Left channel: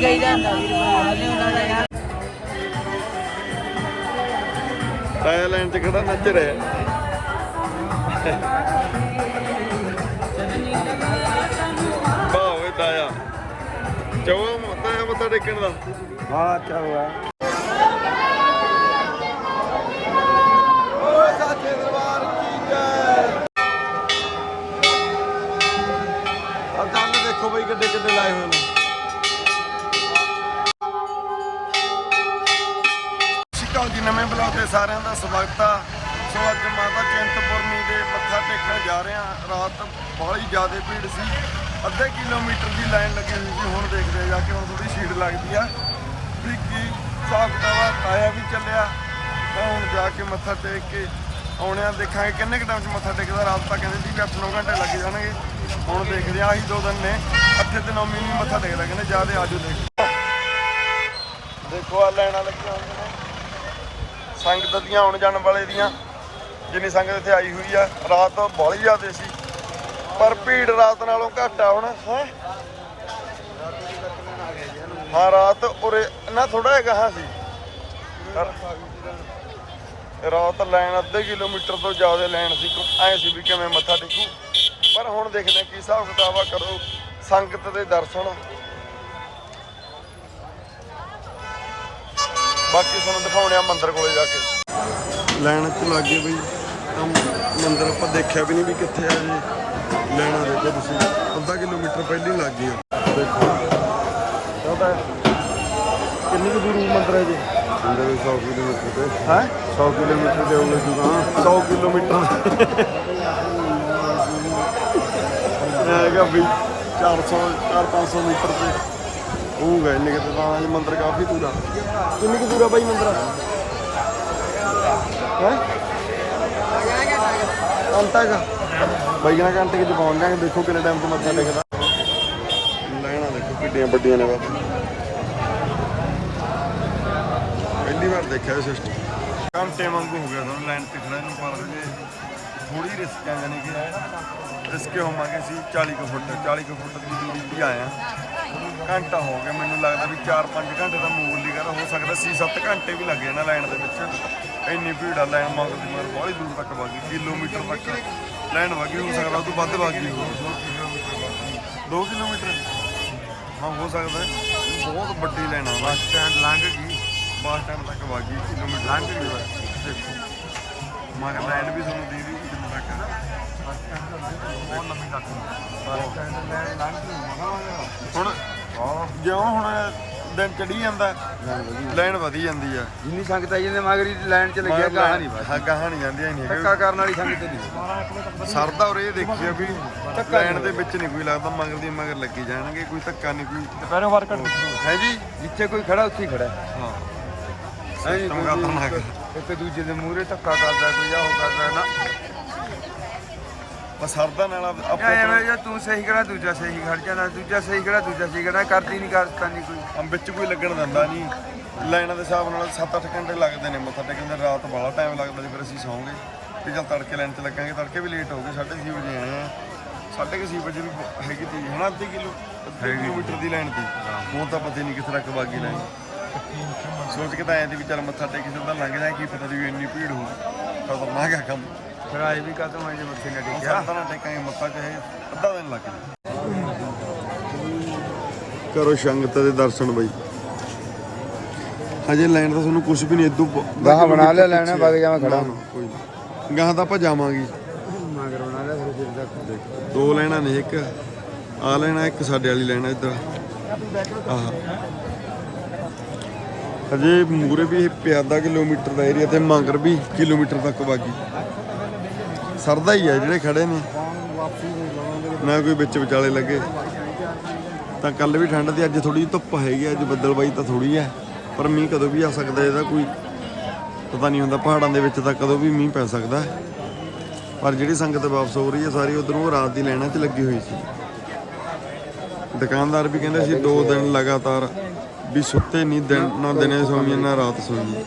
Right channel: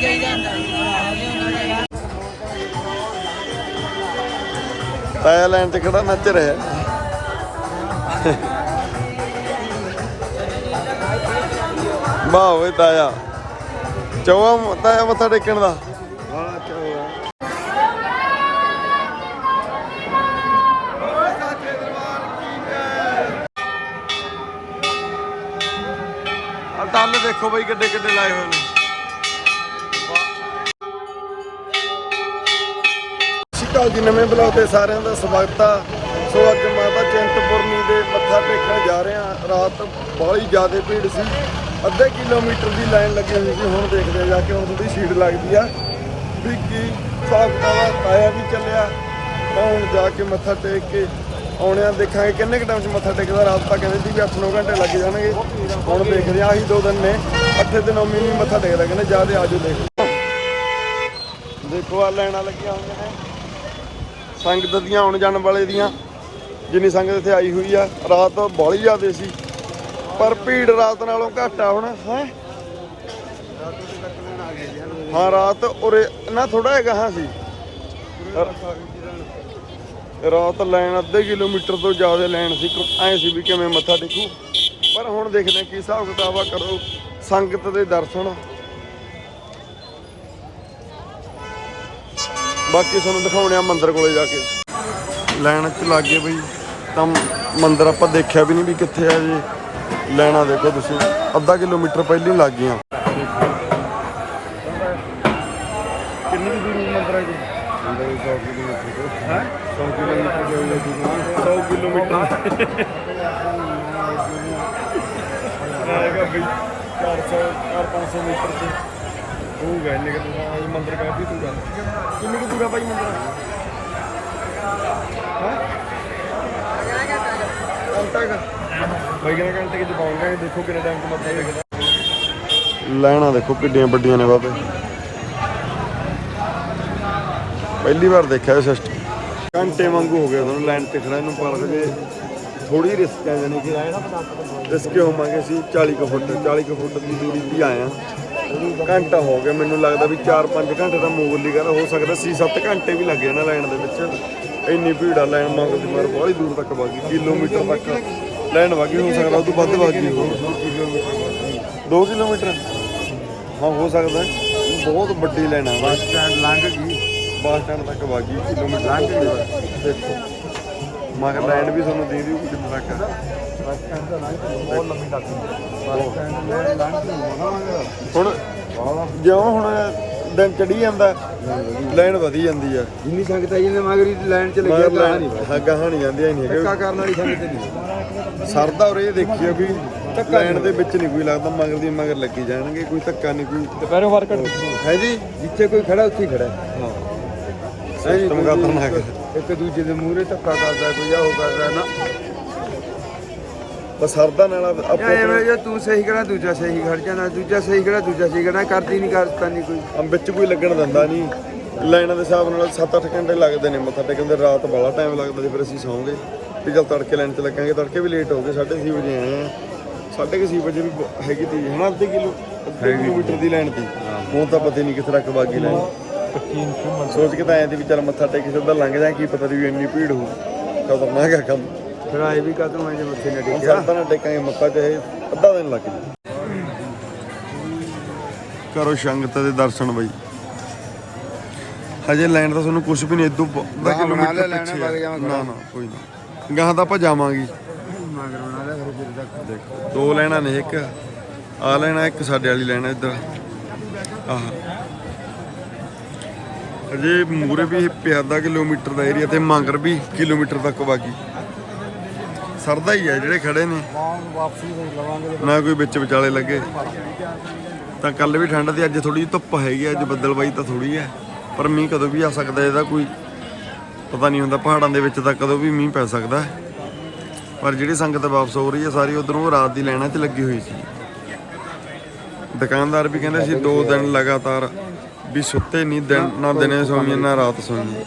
ਜਾਈਦਾ ਹੁੰਦਾ ਵੀਰ ਬਣਾ ਲਿਆਉਣਾ ਤਾਇਆ ਲਾਈਨ 'ਚ ਖੜਾ ਨੱਚ ਰਿਹਾ। ਵਾਹ ਓਏ ਤਾਇਆ। ਚੌਆ ਤਾਇਆ ਮੱਥਾ ਟੇਕਣ ਦਾ। ਹਾਂ ਆ ਦੰਦ ਦੇਖੋ ਬਈ ਕਿੱਡੇ ਕਿੱਡੇ ਲਾਏ ਹੋਏ ਨੇ। ਸ਼ਿਕਾਲ ਜੀ, ਨਵੇਂ ਬਲੌਗ ਤੇ ਸਾਰਿਆਂ ਦਾ ਸਵਾਗਤ ਆ। ਸੋ ਅੱਜ ਮਾਤਾ ਚਿੰਤਪੁਰਨੀ ਦੇ ਮੱਥਾ ਟੇਕਣ ਜਾ ਰਹੇ ਆ। ਰਾਤ ਬਾਹਲੀ ਜ਼ਿਆਦਾ ਭੀੜ ਸੀ। ਅੱਧੇ ਕਿਲੋਮੀਟਰ ਦੀ ਲਾਈਨ ਲੱਗੀ ਹੋਈ ਸੀ, ਹੁਣ ਦੇਖਦੇ ਆ ਜਾ ਕੇ ਹੁਣ ਥੋੜੀ ਸ਼ੀਟ ਲੱਗਦੀ ਆ। ਵੀ ਕੀ ਹਿਸਾਬ ਕਿਤਾਬ ਆਇਆ ਵੀ ਚੱਲਿਆ। ਤਾਂ ਹੁਣ ਜਾ ਕੇ ਮੱਥਾ ਟੇਕ ਕੇ ਆਉਣੇ ਦੇਖਾਂਗੇ। ਕਿੰਨੇ ਕੁ ਟਾਈਮ 'ਚ ਮੱਥਾ ਟੇਕਦਾ? ਰਾਤ ਤਾਂ ਕਹਿੰਦੇ ਸੀ ਵੀ 8-9 ਘੰਟੇ ਲੱਗ ਜਾਣਗੇ। ਹੁਣ ਦੇਖਦੇ ਆ, ਆਹੀ ਦੋ ਦਿਨ ਨੇ। ਅੱਠੇ ਦਿਨ ਉਮੀ ਨਹੀਂ ਮੱਥਾ ਟੇਕਦਾ, ਕਹਿੰਦੇ ਜਿਆਦੇ ਆਜੋ ਦੇਖ। ਦੇਖੋ ਆ ਲੈਣਾ ਲੱਗਿਆ ਸੰਗਤ ਦੀਆਂ ਆਉਣ ਜਾਣ ਵਾਲੇ ਦੀਆਂ, ਜਿੰਨੀ ਸੰਗਤ ਇੱਥੇ ਆਈ ਹੋਈ ਆ, ਰਾਤ ਬਹੁਤ ਜ਼ਿਆਦੇ ਸੀ। ਪਰ ਭੀੜ ਰਾਤ ਨਾਲੋਂ ਘੱਟ ਆ ਹੁਣ। ਹਾਂ, ਰਾਤ ਉਰੇ ਨਾ ਥੋੜਾ ਹੈਗਾ ਹਾਂ ਸੀ। ਰਾਤ ਲਾਈਨ ਅੱਧੇ ਕਿਲੋਮੀਟਰ ਤੋਂ ਜ਼ਿਆਦਾ ਲਾਈਨ ਸੀ। ਐ ਸੀ ਵੀ ਕਿਵੇਂ ਮੱਥਾ ਟੇਕੂ। ਪਰ ਹੁਣ ਦੇਖਦੇ ਕੀ ਹਿਸਾਬ ਕਿਤਾਬ ਆ ਕਰੋ। ਸੰਗਤ ਦੇ ਦਰਸ਼ਨ ਬਾਕੀ ਤੁਹਾਨੂੰ ਦਿਖਾਉਣੇ ਆ ਮੰਦਿਰ ਕੋਲੇ ਜਾ ਕੇ। ਲਾਈਨ 'ਚ ਲੱਗ ਗਏ ਬਈ ਤਾਂ ਮੰਦਿਰ ਆਪਾਂ ਦੇਖਿਆ ਵੀ ਨਹੀਂ ਵੀ ਕਿੱਥੇ ਆ ਜੀ। ਲੈਣਾ ਦੇਖੋ ਤੁਸੀਂ ਅੱਧਾ ਕਿਲੋਮੀਟਰ ਪਹਿਲਾਂ ਹੀ ਲੱਗ ਗਈਆਂ ਦੇਖੋ। ਕਿੰਨੀ ਕੁ ਦੂਰੀ ਮੰਦਿਰ ਹੈ ਜੀ? ਅੰਦਰ 100 ਕਿਲੋਮੀਟਰ ਤੋਂ। ਹੈ? 100 ਕਿਲੋਮੀਟਰ ਦੇ ਹੋਏ ਜੀ ਹਾਂ। 100 ਕਿਲੋਮੀਟਰ। ਇਹ ਹੈਗਾ ਬਈ 400 4-500 ਮੀਟਰ ਤੇ। ਉਹ ਗਏ ਨਿਕਲ ਤਾਂ ਇਹ ਮੰਦਿਰ ਕਾਫੀ ਦੂਰ ਆ। ਕੁ ਦੂਰ ਬਾਈ ਮੰਦਿਰ? ਹੈ? ਘੰਟਾ ਕੁ ਬਾਈ ਕਿੰਨਾ ਘੰਟੇ ਕਿ ਪਹੁੰਚ ਜਾਾਂਗੇ ਦੇਖੋ ਕਿੰਨੇ ਟਾਈਮ ਤੇ ਮੱਥਾ ਟੇਕਦਾ। ਲੈਣਾ ਦੇਖੋ ਕਿੱਡੀਆਂ ਵੱਡੀਆਂ ਨੇ ਬਾਬੇ। ਪਹਿਲੀ ਵਾਰ ਦੇਖਿਆ ਇਹ ਸਿਸਟਮ ਘੰਟੇ ਵਾਂਗੂ ਹੋ ਗਿਆ ਤੁਹਾਨੂੰ ਲਾਈਨ ਤੇ ਖੜਾ ਇਹਨੂੰ ਪਰ ਹਜੇ ਥੋੜੀ ਰਿਸਕ ਹੈ ਯਾਨੀ ਕਿ ਰਿਸਕ ਹੋਵਾਂਗੇ ਅਸੀਂ 40 ਕੁ ਫੁੱਟ 40 ਕੁ ਫੁੱਟ ਦੀ ਦੂਰੀ ਤੇ ਆਏ ਆ ਘੰਟਾ ਹੋ ਗਿਆ ਮੈਨੂੰ ਲੱਗਦਾ ਵੀ 4-5 ਘੰਟੇ ਦਾ ਮੂਵਲੀ ਕਰ ਹੋ ਸਕਦਾ 6-7 ਘੰਟੇ ਵੀ ਲੱਗ ਜਾਣਾ ਲਾਈਨ ਦੇ ਵਿੱਚ। ਇੰਨੀ ਭੀੜ ਆ ਲਾਈਨ ਮੰਗਦੀ ਮਰ ਬਹੁਤ ਦੂਰ ਤੱਕ ਵਾਗੀ ਕਿਲੋਮੀਟਰ ਤੱਕ ਲਾਈਨ ਵਾਗੀ ਹੋ ਸਕਦਾ ਉਹ ਤੋਂ ਵੱਧ ਵਾਗੀ ਹੋ 2 ਕਿਲੋਮੀਟਰ ਹਾਂ ਹੋ ਸਕਦਾ। ਬਹੁਤ ਵੱਡੀ ਲਾਈਨ ਆ। ਬੱਸ ਸਟੈਂਡ ਲੰਘ ਗਈ। ਬੱਸ ਸਟੈਂਡ ਤੱਕ ਵਾਗੀ ਕਿਲੋਮੀਟਰ ਲੰਘ ਗਈ। ਦੇਖੋ। ਮਗਰ ਲਾਈਨ ਵੀ ਤੁਹਾਨੂੰ ਦੇ ਦੀ ਕਿੰਨੇ ਤੱਕ। ਬੱਸ ਸਟੈਂਡ ਤੋਂ ਲੰਘ ਗਈ। ਬਹੁਤ ਲੰਮੀ ਲੱਗਦੀ ਬੱਸ ਸਟੈਂਡ ਲੈ ਲੰਘ ਗਈ। ਹੁਣ ਬਹੁਤ ਜਿਉਂ ਹੁਣ ਦਿਨ ਚੜੀ ਜਾਂਦਾ ਲਾਈਨ ਵਧੀ ਜਾਂਦੀ ਆ। ਜਿੰਨੀ ਸੰਗਤ ਆਈ ਜਾਂਦੇ ਮਗਰੀ ਲਾਈਨ ਚ ਲੱਗਿਆ ਗਾਹ ਨਹੀਂ ਹਾਂ ਗਾਹਾਂ ਨਹੀਂ ਜਾਂਦੀਆਂ ਹੀ ਨਹੀਂ ਧੱਕਾ ਕਰਨ ਵਾਲੀ ਸੰਗਤ ਨਹੀਂ ਸਰਦਾ ਉਰੇ ਇਹ ਦੇਖਿਆ ਵੀ ਲਾਈਨ ਦੇ ਵਿੱਚ ਨਹੀਂ ਕੋਈ ਲੱਗਦਾ ਮਗਰ ਦੀ ਮਗਰ ਲੱਗੀ ਜਾਣਗੇ ਕੋਈ ਧੱਕਾ ਨਹੀਂ ਕੋਈ ਦੁਪਹਿਰੇ ਵਰਕਰ ਹੈ ਜੀ? ਜਿੱਥੇ ਕੋਈ ਖੜਾ ਉੱਥੇ ਹੀ ਖੜਾ ਹੈ। ਹਾਂ। ਹੈ ਜੀ, ਸਿਸਟਮ ਖਤਰਨਾਕ ਹੈ। ਇੱਕ ਦੂਜੇ ਦੇ ਮੂਹਰੇ ਧੱਕਾ ਕਰਦਾ ਕੋਈ ਆ ਉਹ ਕਰਦਾ ਨਾ। ਬਸ ਸਰਦਾ ਨਾਲ ਆਪੋ ਇਹ ਐਵੇਂ ਆਪਣੇ ਜੇ ਤੂੰ ਸਹੀ ਕਰਾ ਦੂਜਾ ਸਹੀ ਖੜ ਜਾਣਾ ਦੂਜਾ ਸਹੀ ਕਰਾ ਦੂਜਾ ਸਹੀ ਕਰਨਾ ਕਰਦੀ ਨਹੀਂ ਕਰਦਾ ਨਹੀਂ ਕੋਈ। ਹਮ ਵਿੱਚ ਕੋਈ ਲੱਗਣ ਦਿੰਦਾ ਨਹੀਂ ਲਾਈਨਾਂ ਦੇ ਹਿਸਾਬ ਨਾਲ 7-8 ਘੰਟੇ ਲੱਗਦੇ ਨੇ ਮੱਥਾ ਟੇਕਣ ਦੇ ਰਾਤ ਬੜਾ ਟਾਈਮ ਲੱਗਦਾ ਸੀ ਫਿਰ ਅਸੀਂ ਸੌਂਗੇ। ਵੀ ਚਲ ਤੜਕੇ ਲਾਈਨ 'ਚ ਲੱਗਾਂਗੇ ਤੜਕੇ ਵੀ ਲੇਟ ਹੋ ਗਏ 6:30 ਵਜੇ ਆਏ ਆ 6:30 ਵਜੇ ਵੀ ਬ- ਹੈਗੀ ਤੀ ਹਨਾ ਅੱਧੇ ਕਿਲੋ ਅੱਧੇ ਕਿਲੋਮੀਟਰ ਦੀ ਲਾਈਨ ਤੀ ਹੁਣ ਤਾਂ ਪਤਾ ਨਹੀਂ ਕਿੱਥੇ ਤੱਕ ਵਾਗੀ ਲਾਈਨ। ਸੋਚ ਕੇ ਤਾਂ ਆਏ ਤੇ ਵੀ ਚੱਲ ਮੱਥਾ ਟੇਕ ਕੇ ਸਿੱਧਾ ਲੰਘ ਜਾਏ ਕੀ ਪਤਾ ਵੀ ਇੰਨੀ ਭੀੜ ਹੋ ਖਤਰਨਾਕ ਹੈ ਕੰਮ। ਫਿਰ ਆਏ ਵੀ ਕਦੋਂ ਆਏ ਜੇ ਮੱਥੇ ਨਾ ਟੇਕਿਆ? ਸਰਦਾ ਨਾਲ ਟੇਕਾਂਗੇ ਮੱਥਾ ਚਾਹੇ ਅੱਧਾ ਦਿਨ ਲੱਗ ਜੇ ਕਰੋ ਸੰਗਤ ਦੇ ਦਰਸ਼ਨ ਬਈ। ਹਜੇ ਲਾਈਨ ਤਾਂ ਤੁਹਾਨੂੰ ਕੁਝ ਵੀ ਨਹੀਂ ਇਦੋਂ ਅੱਧਾ ਗਾਹਾਂ ਬਣਾ ਕਿਲੋਮੀਟਰ ਲਿਆ, ਲਾਈਨਾਂ ਪਿੱਛੇ ਆ। ਜਾਵਾਂ ਨਾ ਨਾ ਕੋਈ ਨਾ। ਗਾਹਾਂ ਤਾਂ ਆਪਾਂ ਜਾਵਾਂਗੇ। ਮਗਰ ਬਣਾ ਲਿਆ ਫਿਰ ਫਿਰ ਤੱਕ। ਦੇਖੋ ਦੋ ਲਾਈਨਾਂ ਨੇ ਇੱਕ। ਆ ਲੈਣਾ ਇੱਕ ਸਾਡੇ ਵਾਲੀ ਲੈਣਾ ਇੱਧਰ। ਆਹ। ਹਜੇ ਮੂਰੇ ਵੀ ਪਿਆ ਅੱਧਾ ਕਿਲੋਮੀਟਰ ਦਾ ਏਰੀਆ ਤੇ ਮੰਗਰ ਵੀ ਕਿਲੋਮੀਟਰ ਤੱਕ ਬਾਕੀ। ਸਰਦਾ ਹੀ ਆ, ਜਿਹੜੇ ਖੜੇ ਨੇ। ਨਾ ਕੋਈ ਵਿੱਚ ਵਿਚਾਲੇ ਲੱਗੇ। ਤਾਂ ਕੱਲ ਵੀ ਠੰਡ ਤੇ ਅੱਜ ਥੋੜੀ ਧੁੱਪ ਹੈਗੀ ਅੱਜ ਬੱਦਲਬਾਈ ਤਾਂ ਥੋੜੀ ਆ। ਪਰ ਮੀਂਹ ਕਦੋਂ ਵੀ ਆ ਸਕਦਾ, ਇਹਦਾ ਕੋਈ ਪਤਾ ਨਹੀਂ ਹੁੰਦਾ, ਪਹਾੜਾਂ ਦੇ ਵਿੱਚ ਤਾਂ ਕਦੋਂ ਵੀ ਮੀਂਹ ਪੈ ਸਕਦਾ। ਪਰ ਜਿਹੜੀ ਸੰਗਤ ਵਾਪਸ ਹੋ ਰਹੀ ਹੈ ਸਾਰੀ ਉਧਰੋਂ ਰਾਤ ਦੀ ਲੈਣਾ 'ਚ ਲੱਗੀ ਹੋਈ ਸੀ। ਦੁਕਾਨਦਾਰ ਵੀ ਕਹਿੰਦੇ ਸੀ, ਦੋ ਦਿਨ ਲਗਾਤਾਰ ਵੀ ਸੁੱਤੇ ਨਹੀਂ, ਦਿਨ ਨਾ ਦਿਨੇ ਸੌਂਈਏ ਨਾ ਰਾਤ ਸੌਂਈਏ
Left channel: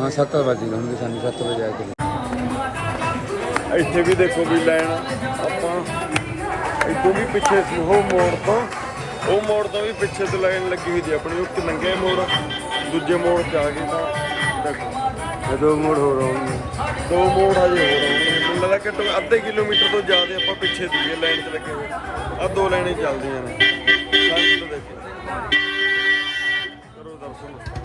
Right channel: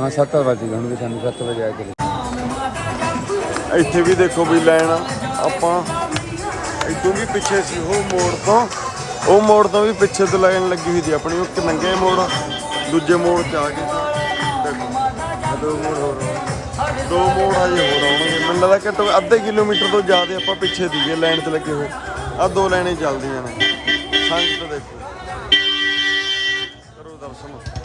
ਹਾਂ 7 ਵਜੇ ਹੁਣ ਸਾਨੂੰ 7 ਵਜੇ ਆ ਕੇ। ਇੱਥੇ ਵੀ ਦੇਖੋ ਵੀ ਲਾਈਨ ਆਪਾਂ ਇਦੋਂ ਵੀ ਪਿੱਛੇ ਸੀ ਉਹ ਮੋੜ ਤੋਂ। ਉਹ ਮੋੜ ਤੋਂ ਵੀ ਪਿੱਛੇ ਤੋਂ ਲਾਈਨ ਲੱਗੀ ਹੋਈ ਸੀ ਆਪਣੀ। ਉਹ ਨੰਗੇ ਮੋੜ ਦੂਜੇ ਮੋੜ ਚ ਆ ਗਏ ਤਾਂ ਦੇਖੋ। ਦੋ ਮੋੜ ਹੋ ਰਹੇ ਦੋ ਮੋੜ ਹਜੇ ਹੋਰ ਆਉਣਗੇ। ਮੈਨੂੰ ਲੱਗਦਾ ਕਿ ਘੱਟੋ ਅੱਧੇ ਕਿਲੋਮੀਟਰ ਤੋਂ ਜ਼ਿਆਦਾ ਆਪਾਂ ਪਿੱਛੇ ਦੀਏ ਲਾਈਨ 'ਚ ਲੱਗੇ ਹੋਏ। ਆ ਦੋ ਲਾਈਨਾਂ ਹੀ ਚੱਲਦੀਆਂ ਨੇ। ਸੰਗਤ ਦੇਖੋ। ਕਰੋ ਦਰਸ਼ਨ।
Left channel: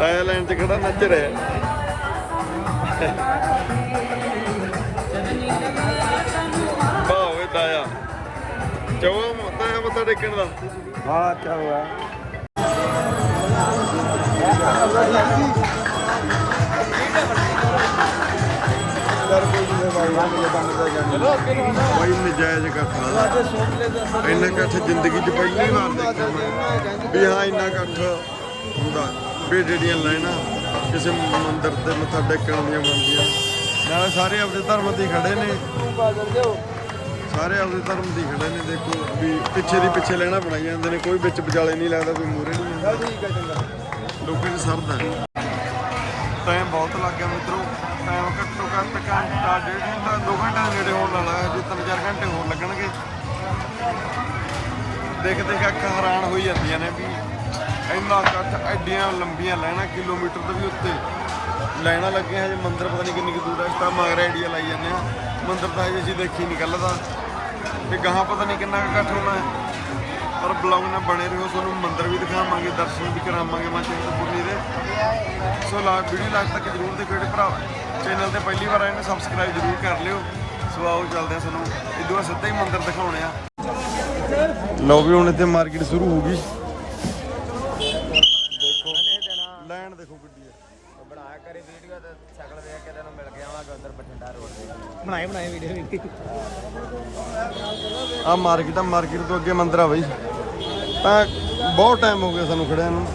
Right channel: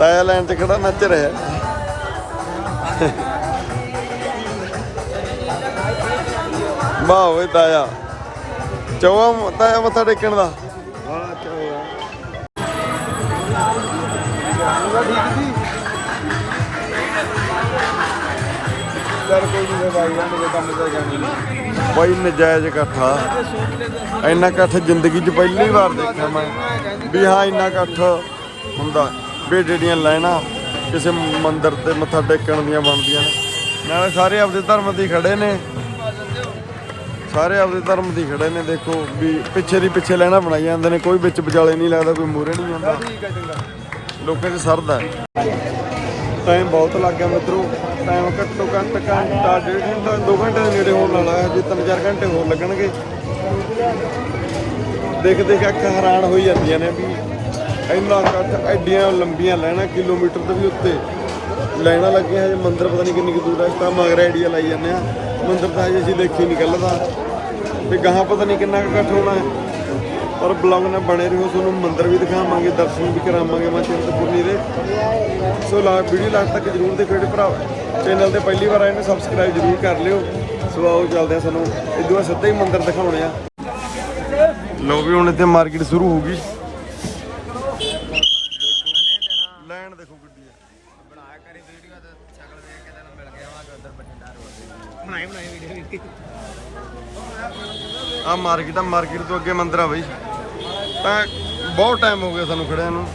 ਤਾਇਆ ਲਾਈਨ 'ਚ ਖੜਾ ਨੱਚ ਰਿਹਾ। ਵਾਹ ਓਏ ਤਾਇਆ। ਚੌਵਾ ਤਾਇਆ ਮੱਥਾ ਟੇਕਣ ਦਾ। ਹਾਂ ਹੋਇਆ ਬਾਈ ਨਜਾਇਜ਼ ਇਕੱਠਾ ਇੰਨਾ ਇਕੱਠ ਜ਼ਿੰਦਗੀ 'ਚ ਪਹਿਲੀ ਵਾਰ ਦੇਖਿਆ ਮੈਂ ਵੀ ਹਾਂ ਇੰਨਾ ਇਕੱਠ ਹੁੰਦਾ। ਵੀ ਜਿਹੜੀਆਂ ਲਾਈਨਾਂ ਕਿਸੇ ਮੰਦਿਰ ਤੇ ਮੱਥਾ ਟੇਕਣ ਦੀਆਂ ਬਣਦੀਆਂ ਨੇ। ਨਾਲੇ ਸਾਰੇ ਆਪਦੇ ਧਰਮ ਦੀ ਖੜੇ ਨੇ। ਸਾਰੇ ਆਪਦੇ ਧਰਮ ਦੀ ਖੜੇ ਨੇ। ਦੇਖੋ ਵੀ ਪਿੱਛੇ ਦੀ ਪਿੱਛੇ ਲਾਈਨਾਂ ਬਣਾਈ ਜਾਂਦੇ ਨੇ। ਕੋਈ ਵਿੱਚ ਵਿਚਾਲੇ ਨਹੀਂ ਲੱਗਦਾ, ਕੋਈ ਮੂਰੇ ਨਹੀਂ ਜਾਂਦਾ। ਲੋਕਾਂ 'ਚ ਸਰਦਾ ਟਾਈਮ ਬਹੁਤ ਲੱਗ ਗਿਆ ਮਿੱਤਰੋ। ਟਾਈਮ ਘੱਟੋ ਘੱਟ ਘੰਟਾ, ਡੇਢ ਘੰਟਾ 2 ਘੰਟੇ ਦੇ ਨੇੜੇ ਹੋਣ ਵਾਲਾ ਹੈ। ਜੇ 3-4 ਘੰਟੇ ਹੋਰ ਲੱਗਣਗੇ। ਦੇਖ ਦੇਖ ਅੱਖ ਹੈਰਾਨ ਹੋਈ ਜਾਂਦੀਆਂ ਨੇ ਵੀ ਇੰਨਾ ਇਕੱਠ ਐਡੀਆਂ ਲੰਬੀਆਂ ਲਾਈਨਾਂ ਕਿਲੋਮੀਟਰ ਤੋਂ ਵੀ ਉੱਤੇ ਲਾਈਨਾਂ ਲੱਗੀਆਂ ਹਜੇ ਮੰਦਿਰ ਪਤਾ ਨਹੀਂ ਕਿੰਨੀ ਕੁ ਦੂਰ ਹੈ ਇਸ ਤਾਂ ਮਗਰ ਆਈਡੀਆ ਲਾਈ ਜਾਂਦੇ ਆ। ਮੰਦਰ ਤਾਂ ਹਜੇ ਅਸੀਂ ਦੇਖੀ ਨਹੀਂ ਕੱਲ੍ਹ ਤੇ ਗਾਹਾਂ ਪਤਾ ਨਹੀਂ ਕਿੰਨਾ ਕੁ ਇਕੱਠ ਹੋਣਾ ਹੈ। ਪਰ ਬਲੌਗ ਨਾਲ ਬਣੇ ਰਹੋ, ਤੁਹਾਨੂੰ ਮੰਦਰ ਵੀ ਦਿਖਾਵਾਂਗੇ, ਦਰਸ਼ਨ ਵੀ ਕਰਾਵਾਂਗੇ, ਮੈਂ ਚਿੰਤਪੁਰਨੀ ਦੇ। ਸੋ ਲਾ ਵੀਡੀਓ ਲਾਸਟ ਤੱਕ ਜਰੂਰ ਦੇਖੋ ਜਿਹੜੇ ਭਰਾ ਚੈਨਲ ਤੇ ਪਹਿਲੀ ਵਾਰ ਆਏ ਨੇ ਸਬਸਕ੍ਰਾਈਬ ਜਰੂਰ ਕਰ ਲਿਓ। ਸੋ ਆਓ ਚੱਲਦੇ ਆ ਸਾਨੂੰ ਇਦੋਂ ਬਾਅਦ ਸਿੱਧਾ ਹੀ ਮੰਦਰ ਦਿਖਾਉਣੇ ਆ। ਲਓ ਵੀ ਹੁਣ ਇੱਥੇ ਮਾਰਕੀਟ ਸ਼ੁਰੂ ਹੋ ਗਈ ਦੇਖੋ ਲੈਣ ਦੇਖੋ ਗੱਡੀ ਆ। ਬਣਾ ਕਰੀ ਵੀਡੀਓ ਤੇ ਸ਼ਕਲ ਦੇਖ ਕੇ ਤੈਨੂੰ ਮਿਲ ਗਿਆ ਵਾਂਗੇ ਉਧਰ ਬਠਿੰਡਾ ਰੋਡ ਤੇ। ਬਣਾਈ ਬਣਾਈ ਵੀਡੀਓ ਆ ਮਾਰਕੀਟ ਆ ਮਾਰਕੀਟ ਤੋਂ ਅੱਗੇ ਮੰਦਿਰ ਆ ਬਈ। ਤਾਂ ਬਹੁਤ ਟਾਈਮ ਹੋ ਗਿਆ ਸਾਨੂੰ ਖੜਿਆਂ ਨੂੰ।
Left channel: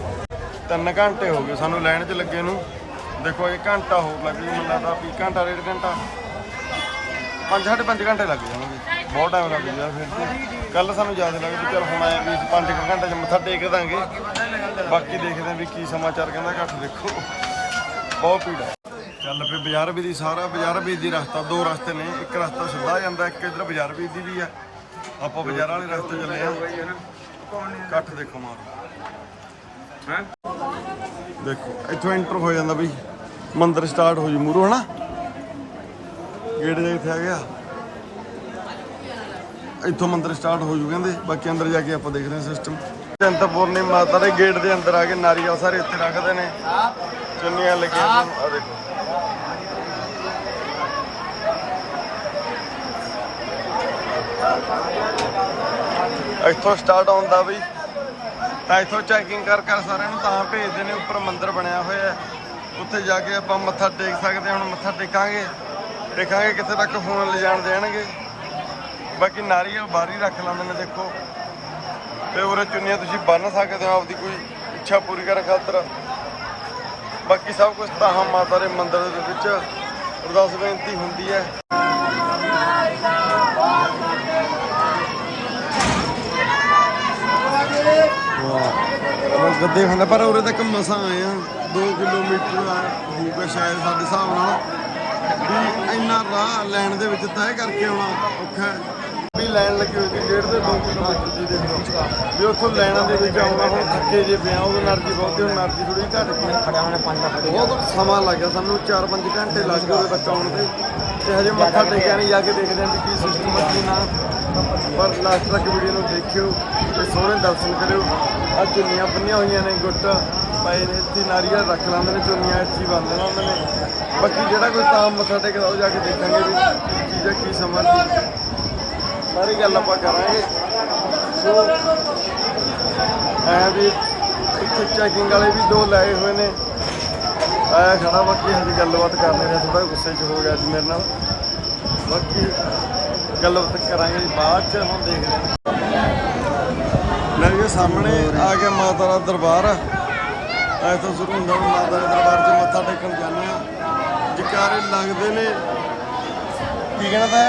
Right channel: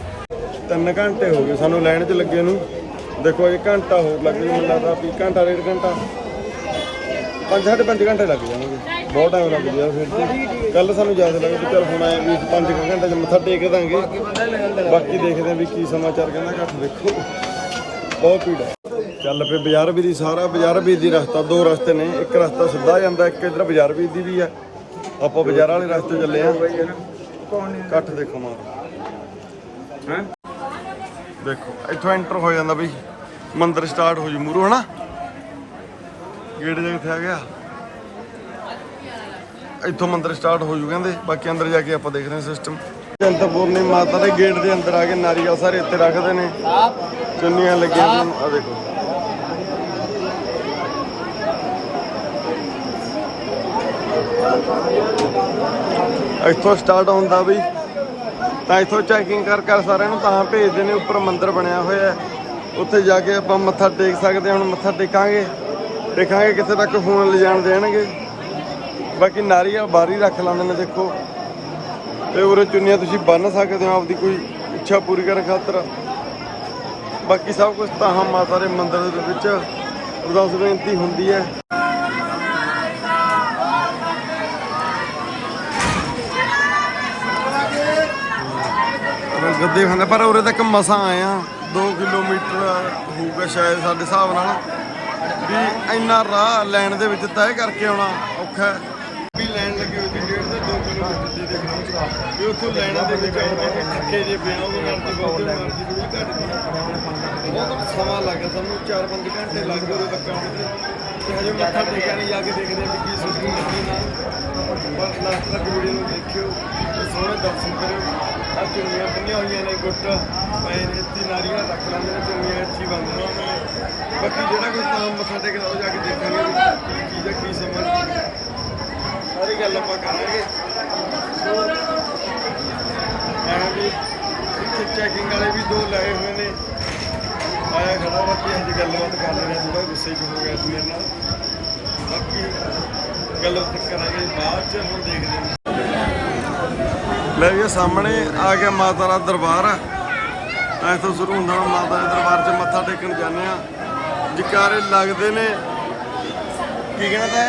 ਤਿੰਨ ਘੰਟੇ ਹੋ ਗਏ ਸਾਨੂੰ ਲਾਈਨ 'ਚ ਲੱਗੇ ਨੂੰ। ਦੇਖੋ ਇਹ ਘੰਟਾ ਹੋਰ ਲੱਗ ਜੂ ਮੈਨੂੰ ਲੱਗਦਾ ਵੀ ਘੰਟਾ ਡੇਢ ਘੰਟਾ। ਪੰਜ ਸਾਢੇ ਪੰਜ ਘੰਟੇ ਲੱਗ ਜਾਣਗੇ। ਬਹੁਤ ਟਾਈਮ ਲੱਗ ਜੂਗਾ ਫਿਰ ਤੇ। ਕੱਲ ਸਾਨੂੰ ਯਾਦ ਲੱਗੇ ਵੀ ਚੱਲ ਹੁਣ ਆਏ ਵੀ ਅਸੀਂ ਪੰਜ ਕੁ ਘੰਟੇ 'ਚ ਮੱਥਾ ਟੇਕ ਦਾਂਗੇ। ਬਾਕੀ ਦੇਖਦੇ ਆਂ ਵੀ ਕੀ ਸਮਾਚਾਰ ਕਹਿੰਦਾ, ਘੱਟ ਦੇਖੋ। ਬਹੁਤ ਭੀੜ ਹੈ ਚੱਲ ਪਏ ਬਾਜ਼ਾਰ ਵੀ ਦੀ ਸਾਰਾ, ਬਾਜ਼ਾਰ ਵੀ ਦੀ ਰਸਤਾ, ਦੋ ਰਸਤੇ ਨੇ। ਇੱਕ ਰਸਤਾ ਸਿੱਧਾ ਜਾਂਦਾ, ਇੱਕ ਇਧਰ ਬਾਜ਼ਾਰ ਵੀ ਦੀ ਵੀ ਹੈ ਆਪਾਂ ਬਾਜ਼ਾਰ ਵਾਲੇ ਰਸਤੇ ਚੱਲੇ ਆ ਕੱਟ ਦੇਖੋ ਮਾਰ। ਹੈ ਦੇਖੋ, ਇੱਥੋਂ ਐਂਟਰ ਹੋ ਜਾਂਦਾ ਬਈ ਮੰਦਰ ਸਟਾਰਟ ਹੋ ਜੂ ਮੂਰੋ ਹਨਾ? ਗੇਟ ਜੇ ਕਿੱਥੇ ਆ ਗਿਆ। ਇੱਥੋਂ ਮੰਦਿਰ ਸਟਾਰਟ ਹੋ ਜੂ ਕਹਿੰਦੇ ਬਾਕੀ ਅੰਦਰ ਜਾ ਕੇ ਆਪਾਂ ਦੇਖ ਰਹੇ ਹਾਂ ਸਿਸਟਮ ਚੰਤਪੁਰਨੀ ਮਾਤਾ ਦੇ ਗੇਟ ਦੇ ਅੰਦਰ ਆ ਕੇ ਨਾਰੀਅਲ ਸਾਰੇ ਇੱਥੇ ਰੱਖਦੇ ਨੇ। ਚੁੰਨੀਆਂ ਲੱਗੀਆਂ ਆ ਦੇਖੋ। ਇੱਥੋਂ ਸਟਾਰਟ ਹੁੰਦਾ ਬਈ ਤਾਂ ਇੱਥੋਂ ਚੈਕਿੰਗ ਕਰ ਕਰ ਸਾਰਿਆਂ ਨੂੰ ਤਾਂ ਭੇਜਦੇ ਨੇ ਉੱਪਰ ਮੰਦਿਰ ਬਣਿਆ ਹੋਇਆ ਉੱਥੇ ਜਾ ਕੇ ਆਪਾਂ ਮੱਥਾ ਟੇਕ ਸਕਦੇ ਹਾਂ ਹੁਣ ਮੱਥਾ ਟੇਕਾਂਗੇ। ਦੇਖਾਂਗੇ ਕਿੱਥੇ ਤੱਕ ਫੋਨ ਲਿਜਾਣ ਦੇਣਗੇ। ਬਾਕੀ ਨਾਰੀਅਲ ਬਾਹਰ ਹੀ ਰੱਖ ਲੈਂਦੇ ਨੇ ਦੇਖੋ। ਤੇ ਉਰੇ ਚੁੰਨੀਆਂ ਤੁਸੀਂ ਬੰਨ ਸਕਦੇ ਹੋ, ਆਪਦੀ ਕੋਈ ਇੱਛਾ ਪੂਰੀ ਕਰਨ ਖਾਤਰ। ਬਾਕੀ ਸਭ ਕੁਝ ਤਾਂ ਮਾਤਾ ਦੇ ਮੰਦਿਰ ਦੇ ਵਿੱਚ ਅਰਦਾਸ ਬੇਨਤੀ ਹੁੰਦੀ ਹੈ। ਵਾਹ ਗੱਦੇ ਖਾਂਦਾ ਪਰ ਉਰੇ ਤੱਕ ਮਸਾਂ ਆਇਆ ਆ। 2 ਕਿਲੋਮੀਟਰ ਹੋਊਗਾ ਸ਼ਾਇਦ ਸਾਡੇ ਹਿਸਾਬ ਨਾਲ। ਵੀ ਇੰਨਾ ਰਾਹ ਲੈਣ ਦੇ ਵਿੱਚ ਤੈਅ ਕਰਕੇ ਆਉਣਾ ਔਖਾ ਵੀ ਲਾਈਨ ਲੱਗੀ ਹੋਈ ਸੀ ਡੇਢ ਤੋਂ 2 ਕਿਲੋਮੀਟਰ ਦੀ ਦੇ ਵਿੱਚ ਵੀ ਉੱਥੋਂ ਲਾਈਨਾਂ ਦੇ ਵਿੱਚ ਆਉਣਾ ਹੁਣ ਥੱਕੇ ਜੇ ਪਿਆ ਨਾਲ ਕੀ ਬਹੁਤ એનર્ਜੀ ਥੋੜੀ ਘੱਟ ਖੜਿਆ ਹੋਣਾ 5 ਲੱਖ ਦੇ ਬਹੁਤ ਸਮਾਂ ਲੱਗਾ ਸਾਨੂੰ 4-5 ਘੰਟੇ ਲੱਗ ਗਏ ਬੱਚਾ ਆਉਣ ਤੇ। ਤੇ ਹਜੇ ਮੱਥਾ ਟੇਕਿਆ ਨਹੀਂ ਜਾ ਕੇ ਦੇਖਦੇ ਹਾਂ ਕੀ ਸਿਸਟਮ ਕੀ ਨਾ। ਪਰ ਲਾਸਟ ਤੱਕ ਵੀਡੀਓ ਨੂੰ ਦੇਖਿਓ ਤੇ ਸੋਹਣੇ ਦਰਸ਼ਨ ਕਰਿਓ। ਆ ਚੁੰਨੀਆਂ ਬੰਨੀਆਂ ਹੋਈਆਂ ਨੇ, ਗੁੱਟ ਪਾਏ ਨੇ, ਇੱਥੇ ਨਾਰੀਅਲ ਰੱਖ ਲੈਂਦੇ ਨੇ ਚੁੰਨੀਆਂ ਇੱਥੇ ਹੀ ਬੰਨ੍ਹਣਾ ਉਹਨਾਂ ਨੇ ਬਾਕੀ ਜਿਹੜਾ ਕੋਈ ਤਾਂ ਮੱਥਾ ਟੇਕਦਾ, ਉਹ ਜਾ ਕੇ ਦੇਖਾਂਗੇ ਵੀ ਕੀ ਚੀਜ਼ ਹੈ ਕੀ ਸਮਾਂ ਕੀ ਸਾਰੀ ਗੱਲ ਆਪਾਂ ਕਰਾਂਗੇ। ਸੋ, ਐਂ ਵੀ ਇੱਥੇ ਚੈਕਿੰਗ ਵਾਲੇ ਵੀ ਦੋ ਲਾਏ ਹੋਏ ਨੇ। ਆਇਆ ਖੜਾ, ਬਾਕੀ ਅਸੀਂ ਗੱਲਬਾਤ ਕਰ ਰਹੇ ਨੇ ਥੋੜਾ ਗੁੱਸੇ 'ਚ ਹੋ ਗਿਆ ਅੱਜ ਮੇਰੇ ਨਾਲ। ਬਾਕੀ ਗੱਲਬਾਤ ਕਰਾਂਗੇ ਜੀ, ਬਾਅਦ 'ਚ ਹੁਣ ਦੇਖਦੇ ਹਾਂ। ਲੈ ਜੀ ਸਾਹਮਣੇ ਆ ਗਿਆ ਮਾਤਾ ਦਾ ਦਰਬਾਰ। ਤਾਂ ਇੱਥੋਂ ਸ਼ੁਰੂ ਹੁੰਦਾ ਹੁਣ ਮਾਤਾ ਦੇ ਦਰਬਾਰ 'ਚ ਮੱਥਾ ਟੇਕਣ ਜਾਂਦੇ ਆ ਜਕਾਰੇ ਲੱਗਦੇ ਨੇ। ਕੀ ਕਹਿਣਾ ਤਾਂ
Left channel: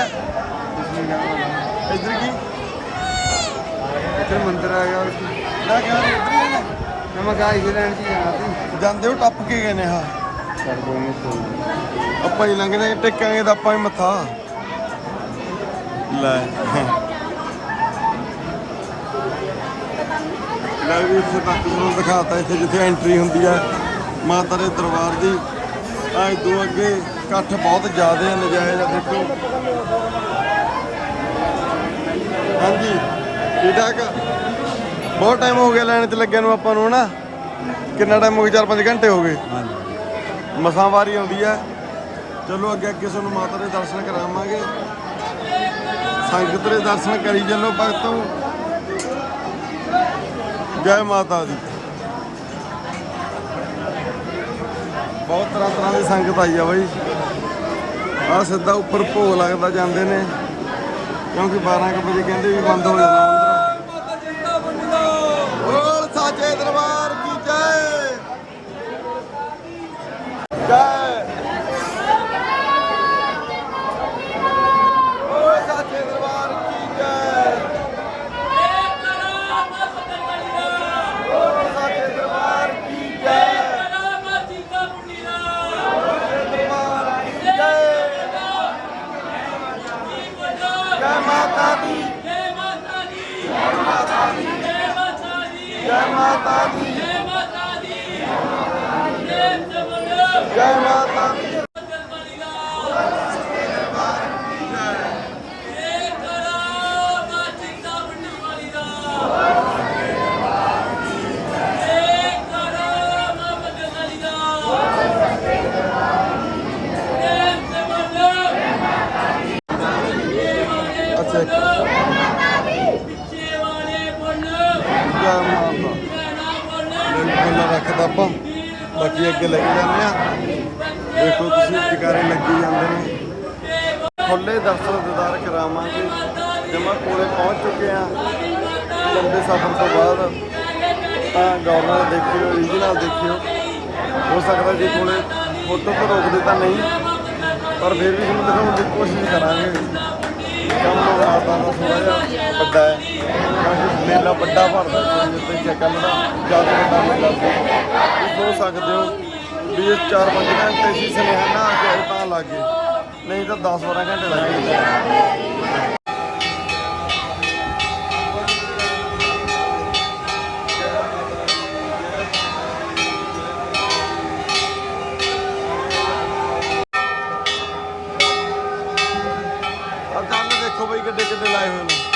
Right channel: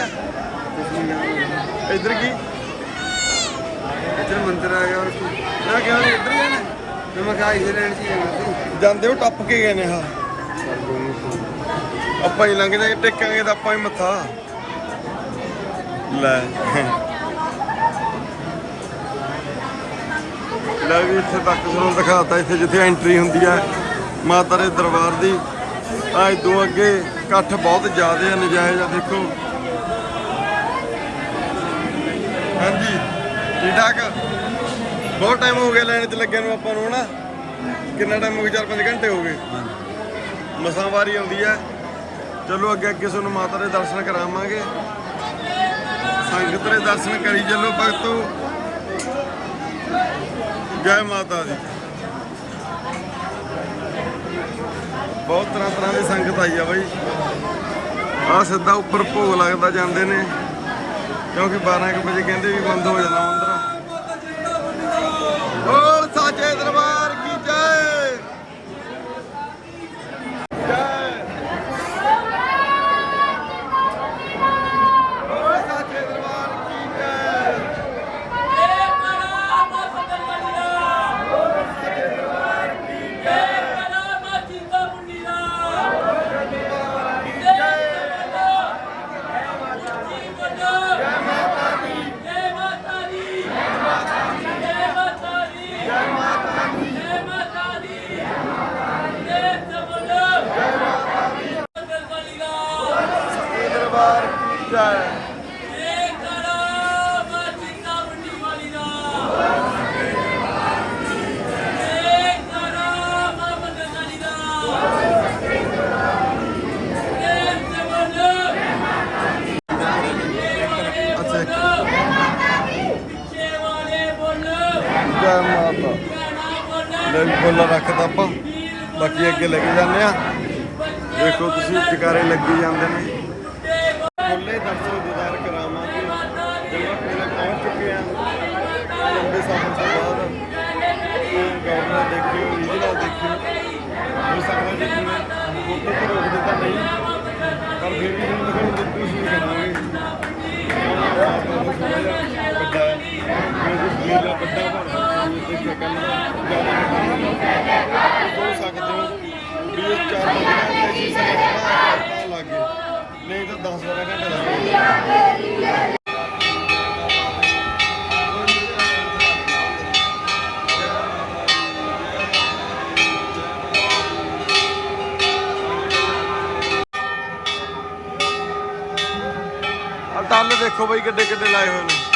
ਇੱਧਰ ਕੀ? ਇੱਧਰ ਮੰਦਿਰ ਆ ਗਿਆ ਮੈਂ ਕਿਹਾ ਇੱਧਰ ਜਾਣਾ ਮੈਂ ਇਧਰ ਰਹਿਣ ਸੀ ਜਾਂਦੇ ਹੋ ਟੱਪ ਕੇ ਗਏ ਨੇ ਹਾਂ। ਆਪਾਂ ਹੀ ਲੰਘ ਜਾਏ ਟੇਕਾਂਗੇ ਤਾਂ ਆਪਾਂ ਹੀ ਮੱਥਾ। ਲੈ। ਲੈ ਵੀ ਇੱਥੇ ਤੱਕ ਤੁਹਾਨੂੰ ਦਿਖਾਤਾ ਇੱਥੇ ਜਿੱਥੇ ਐਂਟਰੀ ਹੁੰਦੀ ਹੈ ਮਾਤਾ ਦੇ ਦਰਬਾਰ ਦੀ। ਆ ਇਦੋਂ ਅੱਗੇ ਇਕੱਠ ਬਹੁਤ ਜ਼ਿਆਦਾ ਹੈ ਨਜਾਇਜ਼ ਆ ਦੇਖੋ। ਹਾਂਜੀ ਠੀਕ ਠਾਕ? ਬਹੁਤ ਟਾਈਮ ਹੋ ਗਿਆ ਲਾਈਨ 'ਚ ਲੱਗਿਆ ਨੂੰ ਆਪਾਂ ਨੂੰ ਹਨਾ? ਕਿੰਨਾ ਟਾਈਮ ਹੋ ਗਿਆ? 4-5 ਘੰਟੇ ਹੋ ਗਏ। ਮਸਾਂ ਵਾਰੀ ਆਉਂਦੀ ਹੈ ਚਲੋ ਅੱਗੇ ਅੱਗੇ ਤੁਹਾਨੂੰ ਮਾਤਾ ਦੇ ਦਰਸ਼ਨ ਕਰਾਵਾਂਗੇ। ਸੰਗਤ ਦੇ ਦਰਸ਼ਨ ਕਰੀ ਚੱਲੋ ਭਗਤੋ। ਜੈ ਮਾਤਾ ਦੀ। ਬਹੁਤ ਤਰ੍ਹਾਂ ਤਰ੍ਹਾਂ ਦੀ ਸੰਗਤ ਆਈ ਆ ਬਈ। ਆ ਸਿੱਧਾ ਉੱਪਰ ਭੋਗ ਲੱਗਦਾ ਜਾਂਦੇ ਨੇ। ਕਿਉਂਕਿ 12 ਕੁ ਵਜੇ ਕਹਿੰਦੇ ਵੀ ਬੰਦ ਹੋ ਜਾਣਾ ਮੰਦਿਰ। ਬੋਲ ਸਾਚੇ ਦਰਬਾਰ ਕੀ ਜੈ। ਜੈ ਬੋਲ ਸਾਚੇ ਦਰਬਾਰ ਕੀ ਜੈ ਬੋਲ ਸਾਚੇ ਦਰਬਾਰ ਕੀ ਜੈ ਦਰਬਾਰ ਕੀ ਜੈ ਜੈ ਮਾਤਾ ਦੀ ਜੈ ਮਾਤਾ ਦੀ ਜੈ ਮਾਤਾ ਦੀ ਸਾਚੇ ਦਰਬਾਰ ਕੀ ਜੈ ਅੱਛਾ ਇੱਕ ਜੈ ਮਾਤਾ ਲੈ ਵੀ ਫੁੱਲ ਰੱਖਦਾ ਆਪਾਂ ਬਾਕੀ ਅੱਗੇ ਲੈ ਕੇ ਜਾਂਦੇ ਆ। ਦੇਖੋ ਤੁਸੀਂ ਜਕਾਰੇ ਲੱਗੀ ਜਾਂਦੇ ਨੇ। ਫੁੱਲੇ ਦਰਸ਼ਨ ਦਿਦਾਰ ਕਰਾਵਾਂਗੇ ਜਮਾ ਕੋਲੇ ਪਹੁੰਚ ਚੁੱਕੇ ਆ। ਲੰਬੇ ਸਫ਼ਰ ਤੋਂ ਬਾਅਦ ਤਾਂ ਗਵਰਨਰ ਦੇਖਿਓ ਰੀਜਨਲ ਦੇਖਿਓ। ਹੋ ਸਕਦਾ ਜੇ ਕੋਲੇ ਫੋਟੋ ਤੋਂ ਰੋਕਦੇ ਤਾਂ ਨਹੀਂ, ਪਰ ਫਿਰ ਵੀ ਤੁਹਾਨੂੰ ਦਿਖਾਉਣ ਦੀ ਕੋਸ਼ਿਸ਼ ਕਰਾਂਗੇ। ਕੰਮ ਮਾਤਾ ਦਾ ਥੋੜਾ ਜਿਹਾ ਵੱਡਾ ਹੈ। ਮੇਲਾ ਵੱਡਾ ਭਰਦਾ ਜਿਹੜੀ ਉੱਤੇ ਸ਼ਕਲ ਦਾ ਜ਼ਿਆਦਾ ਵੱਡਾ ਮੇਲਾ ਤੁਸੀਂ ਹੋ ਸਕਦੇ ਹੋ ਵੀ ਇਹ 4-5 ਘੰਟੇ ਸੀ ਸੁਨੇਹਾ ਨਾ ਆ ਕੇ ਤਾਂ ਲੱਗੇ ਨਹੀਂ ਤਾਂ 10-12 ਘੰਟੇ ਲੱਗਣਗੇ ਆ ਟੱਲ ਦੇਖੋ ਬਈ ਕਿੱਡੇ ਕਿੱਡੇ ਲਾਏ ਹੋਏ ਨੇ।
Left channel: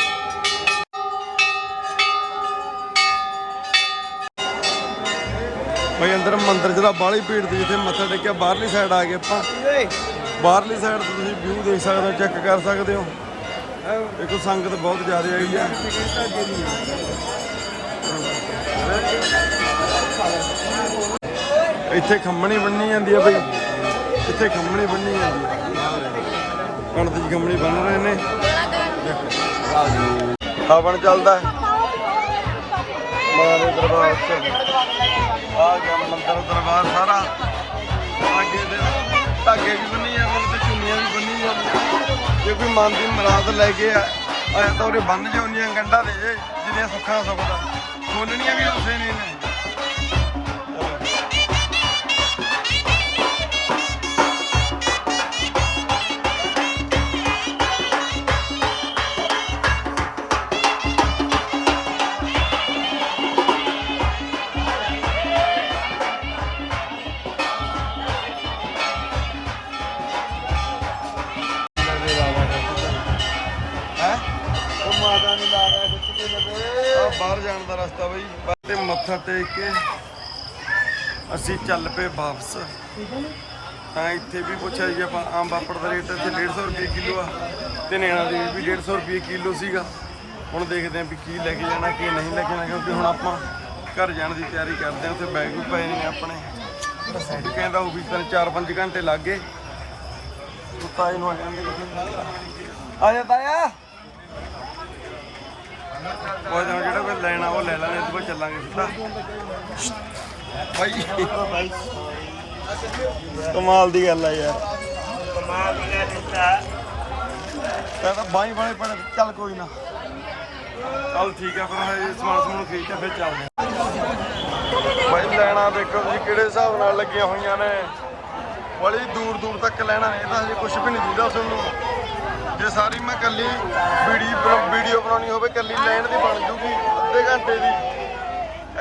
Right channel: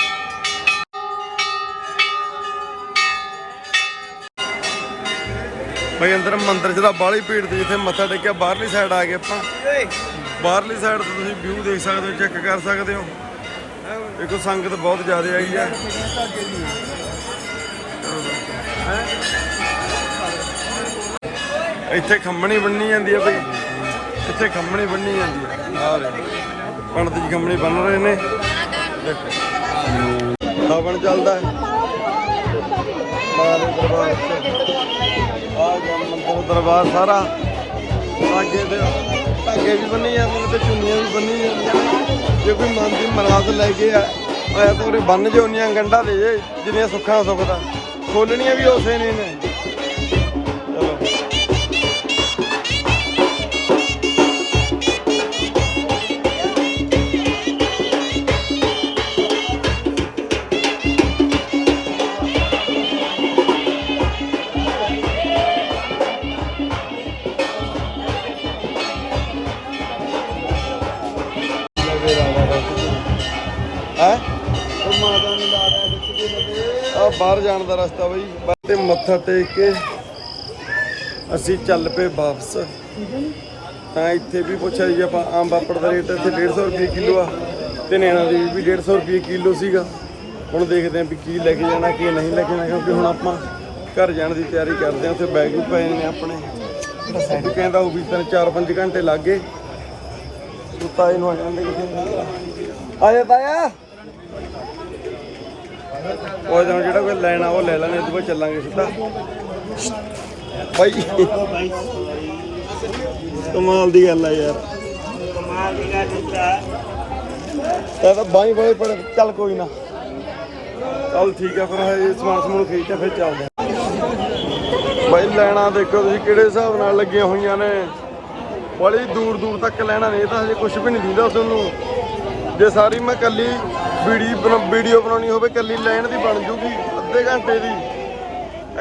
ਭਾਈ ਅੰਦਰ ਮੰਦਿਰ 'ਚ ਬਾਹਲੀ ਭੀੜ 'ਤੇ ਜਿੱਥੇ ਮੱਥਾ ਟੇਕਿਆ, ਬਾਹਰਲੀ ਸਾਈਡ ਆ ਗਏ ਆਪਾਂ। ਬਾਹਰਲੀ ਸਾਈਡ ਤੋਂ ਤੁਸੀਂ ਵਿਊ ਦੇਖ ਸਕਦੇ ਹੋ ਚੈੱਕ ਕਰ ਸਕਦੇ ਹੋ। ਦੇਖੋ, ਸੰਗਤ ਬਹੁਤ ਜ਼ਿਆਦਾ ਆਈ ਹੈ। ਇੱਥੇ ਖੰਮਣੀ ਬੰਨੀ ਜਾਂਦੀ ਹੈ ਬਈ। ਇੱਥੇ ਖੰਮਣੀ ਬੰਨੀ ਜਾਂਦੀ ਹੈ ਆ। ਰਹੇ ਪੰਡਤ ਜੀ ਖੰਮਣੀ ਬੰਨ ਰਹੇ ਨੇ। ਦੇਖੋ। ਹਵਨ ਚੱਲਦਾ। ਮਾਰੇ ਦਰਬਾਰ ਆ ਮੰਦਰ ਦਰਬਾਰ ਸਾਰਾ। ਅੱਗੇ ਦੇ ਧਾਗੇ ਵੀ ਬੰਨੀ ਜਾਂਦੇ ਨੇ ਤੇ ਚੁੰਨੀਆਂ ਵੀ ਬੰਨੀ ਜਾਂਦੀਆਂ ਜੇ ਕੋਈ ਮਨ ਦੀ ਮਰਾਦ ਲੈ ਕੇ ਆ ਆਇਆ ਤਾਂ ਉਹਦੇ ਬੰਨ ਜੇ ਉਨੀਆਂ ਗੰਢਾਂ ਦੇ ਜੇ, ਜਿੰਨੀਆਂ ਸੁੱਖਾਂ ਸੁਖਦਾ। ਖੋਲਣੀਆਂ ਵੀ ਉਸੇ ਨਹੀਂ ਨੇ ਦਾ ਰਸਤਾ ਬਈ। ਤੇ ਮੱਥਾ ਟੇਕ ਕੇ ਅਸੀਂ ਚੱਲ ਪਏ ਵਾਪਸ। ਤਾਂ ਇੱਥੇ ਵੀ ਪੁੱਛਿਆ ਜੀ ਆਪਾਂ ਆਮ ਪਾਪੜ ਦਾ ਰੇਟ ਇੱਥੇ 150 ਰੁਪਏ ਕਿਲੋ ਆ ਤੇ ਨੈਣਾ ਦੀ ਵੀ 150 ਰੁਪਏ ਕਿਲੋ ਸੀਗਾ। ਹੁਣ ਦੇਖਦੇ ਆਂ ਵੀ ਕੀ ਲੈ ਕੇ ਜਾਣਾ, ਕੀ ਨਹੀਂ ਲੈ ਕੇ ਜਾਣਾ, ਕਿਉਂਕਿ ਹੁਣ ਆਪਾਂ ਘਰ ਜਾਣ ਦੀ ਤਿਆਰੀ ਕਰਦੇ ਆਂ ਉੱਥੇ ਬੈਗ ਵੀ ਪਏ ਨੇ ਆਪਣੇ। ਵੀ ਕਹਿੰਦਾ ਉਹ ਵੀ ਤਿੰਨ ਚਾਰ ਪੰਜ ਘੰਟੇ ਲੱਗ ਗਏ। ਤੂੰ ਤਾਏ ਨੂੰ ਆ ਜਾਂਦੇ ਕਿਥੇ? ਆ ਜਾ ਤਾਇਆ। ਉਹ ਜਦੋਂ ਜਿਹੜਾ ਕੋਈ ਲੈਣਾ ਉਹ ਲੈ ਲਾਂਗੇ ਉਦੋਂ ਬਾਅਦ ਚੱਲਾਂਗੇ ਸਿੱਧਾ। ਬਾਈ ਕਮਾਲ ਦੀ ਗੱਲ ਆ ਯਾਰ। ਕਮਾਲ ਦੀ ਗੱਲ ਹੁੰਦਾ ਤਾਂ ਬਾਈ ਬੜੇ ਪੜ ਚੱਲ ਕੋਈ ਨਾ। ਚੱਲ ਠੀਕ ਆ, ਫਿਰ ਇਹ ਸਮਾਨ ਸਮੂਨ ਖਰੀਦ ਕੇ ਫਿਰ ਚੱਲਦੇ ਆ। ਬਾਈ, ਲੈਣਾ ਦੇਖੋ ਤੁਸੀਂ ਕਿਹੜੇ ਹਿਸਾਬ ਨਾਲ ਲੱਗੀਆਂ ਹੋਈਆਂ ਨੇ। ਬੜੀ ਦੂਰ ਦੂਰ ਤੱਕ ਲੈਣਾ ਨਹੀਂ, ਇਹ ਤਾਂ ਹਜੇ ਕੁਝ ਵੀ ਨਹੀਂ ਦਿੰਦਾ ਤੁਹਾਨੂੰ। ਜੇ ਸਾਰੀ ਮੈਂ ਕੱਲੀ ਵੀਡੀਓ ਵੀਡੀਓ ਬਣਾਉਣੀ ਹੋਵੇ ਕੱਲੀ ਲੈਣ ਦੀ ਬਣ ਜੂਗੀ ਅੱਧੇ ਘੰਟੇ ਦੀ।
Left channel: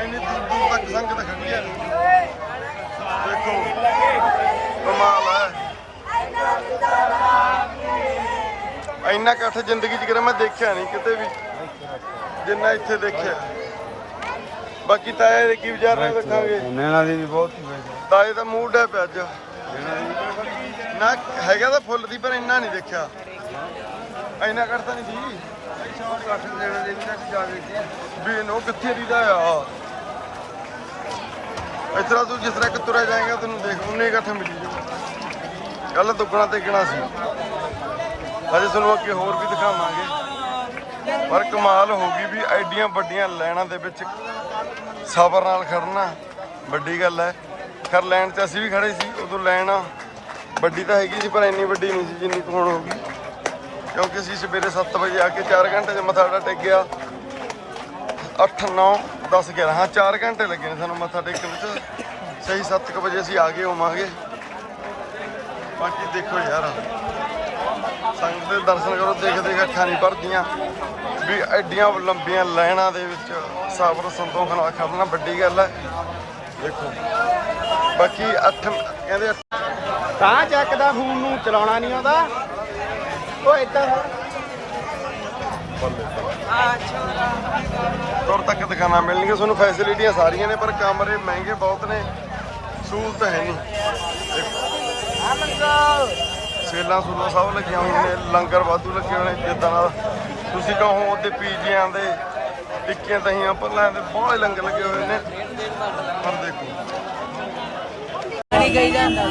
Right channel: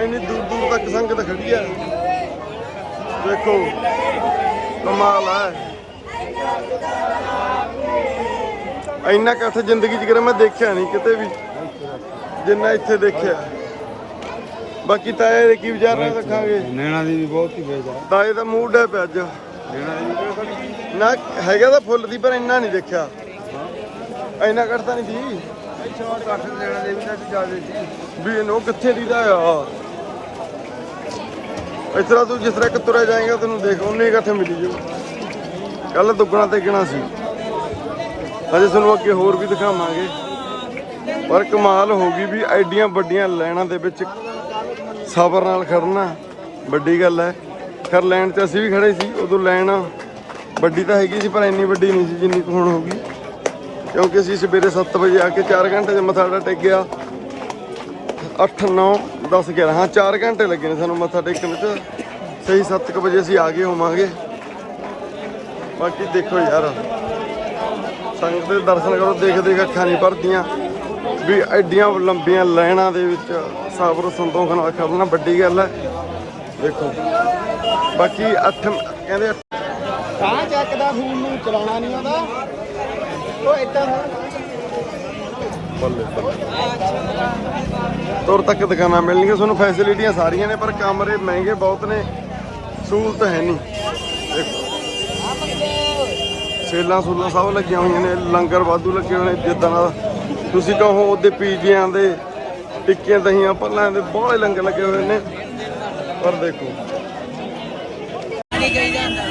ਇੰਨੀ ਦੂਰ ਦੂਰ ਤੱਕ ਸੰਗਤ ਖੜੀ ਆ। ਦੇਖੋ ਕਮਾਲ ਹੈ ਇੰਨਾ ਇਕੱਠ ਜ਼ਿੰਦਗੀ 'ਚ ਕਰਾਂ ਮੈਂ ਦੇਖਿਆ ਨਹੀਂ ਕਿਤੇ ਵੀ ਜਿੰਨਾ ਇੱਥੇ ਦੇਖਿਆ। ਬਾਕੀ ਤਾਂ ਇਹ ਕੀ ਵਿਚਾਰ ਰੱਖਾਂਗੇ? ਨੈਣਾ ਦੀ ਵੀ ਬਹੁਤ ਹੀ ਵੇਚਾ ਤਾਂ ਇਹ ਤਾਂ ਮੂਡ ਹੈ ਪਿਆ ਅੱਜ। ਨਾ ਹੈਗਾ ਤਾਂ ਫੁੱਲ ਦੀ ਪਰ ਇੰਨਾ ਨਹੀਂ ਦੇਖਿਆ। ਇੰਨਾ ਕਰਦਾ ਨਹੀਂ ਦੀ ਸ਼ਾਰਟ ਕੱਟ ਨੈਣਾ ਦੀ ਵੀ ਤਾਂ ਜਾ ਦਿੱਤੀ ਵੀ ਇਹਨੂੰ ਕਿੱਥੇ ਦੀ ਆ? ਇਸ ਤਰ੍ਹਾਂ ਤੂੰ ਜਿਸ ਤਰ੍ਹਾਂ ਕਿ ਤੁਰਿਆ ਜਾਏਗਾ, ਤੈਨੂੰ ਦੇਖ ਉਹਨੇ ਇਕੱਠ ਮਿਲੀ ਜੋ ਕੱਲ ਦੁੱਗਣਾ ਤੇ ਗਿਣਾ ਸੀ। ਅਜੇ ਤੁਹਾਨੂੰ ਅੱਗੇ ਹੋਰ ਵੀ ਦਿਖਾਵਾਂਗੇ। ਪਰ ਕਮਾਲ ਹੋ ਗਈ ਵੀ ਐਡੀਆਂ ਵੱਡੀਆਂ ਲਾਈਨਾਂ ਦੇ ਵਿੱਚ ਸਬਰ ਨਾਲ ਖੜਨਾ ਵੱਡੀ ਗੱਲ ਹੈ। ਖਰ ਲੈਣ ਤੇ ਅਸੀਂ ਵੀ ਖੜੇ ਸੀ। ਉਦੋਂ ਲਾਈਨ ਵੱਡੀ ਤਾਂ ਹੈਗੀ ਸੀ, ਪਰ ਇੰਨੀ ਵੱਡੀ ਨਹੀਂ ਸੀ ਜਿੰਨੀ ਕੁ ਹੁਣ ਹੋ ਗਈ। ਕਿਉਂਕਿ ਅਸੀਂ ਸਵੇਰੇ 7 ਵਜੇ ਆ ਕੇ 4 ਘੰਟੇ ਦੇ ਮੱਥਾ ਟੇਕਿਆ 8 9 10 11 ਹਾਂ 4 ਘੰਟੇ ਲੱਗੇ ਨੇ ਸਾਨੂੰ ਮੱਥਾ ਟੇਕਣ ਚ। ਸਹੀ 7 ਵਜੇ ਅਸੀਂ ਆ ਗਏ ਹੋਵਾਂਗੇ। ਬਾਕੀ ਦੇਖੋ ਯਾਰ ਸੰਗਤ ਦੇ ਦਰਸ਼ਨ ਕਰੋ, ਦੇਖ ਦੇਖ, ਅੱਖਾਂ ਨਹੀਂ ਭਰਦੀਆਂ। ਵੀ ਐਡੀਆਂ ਲੰਬੀਆਂ ਲਾਈਨਾਂ ਦੇ ਵਿੱਚ ਸਬਰ ਸੰਤੋਖ ਕਰਨਾ ਵੱਡੀ ਗੱਲ ਹੈ। ਦੇਖੋ। ਬਾਕੀ 8 ਕਹਿੰਦੇ ਤਾਂ ਚੱਕਦਾ ਫੋਨ ਨੂੰ, ਚਲਾਉਣਾ ਨਹੀਂ ਆਉਂਦਾ। ਤੁਰ ਤੱਕ ਦੁਕਾਨਾਂ ਮਿਲਣਗੀਆਂ ਤੁਹਾਨੂੰ ਫੈਸਿਲਿਟੀਆਂ ਸਾਰੀਆਂ ਨੇ ਪਰ ਕਮਰੇ ਮਹਿੰਗੇ ਬਹੁਤ ਨੇ ਸਹੂਲਤ ਹੈ ਨਹੀਂ। ਸੇਲਾਂ ਸੂਲਾਂ ਸਭ ਲੱਗੇ ਹੋਏ ਨੇ ਲੰਗਰ ਵਾਧੂ ਲੱਗੇ ਹੋਏ ਨੇ ਜਿੱਦਾਂ ਤੁਸੀਂ ਕਹੋ ਉਹਦੇ ਪੀਜਿਆਂ ਦੇ ਟਿੱਕੀਆਂ ਦਹੀਆਂ ਪੱਲਾਂ ਦੇ ਬਹੁਤ ਲੰਗਰ ਲੱਗੇ ਹੋਏ ਨੇ। ਪਰ ਦੇਖੋ। ਨਹੀਂ ਗਈ ਜਾਂਦਾ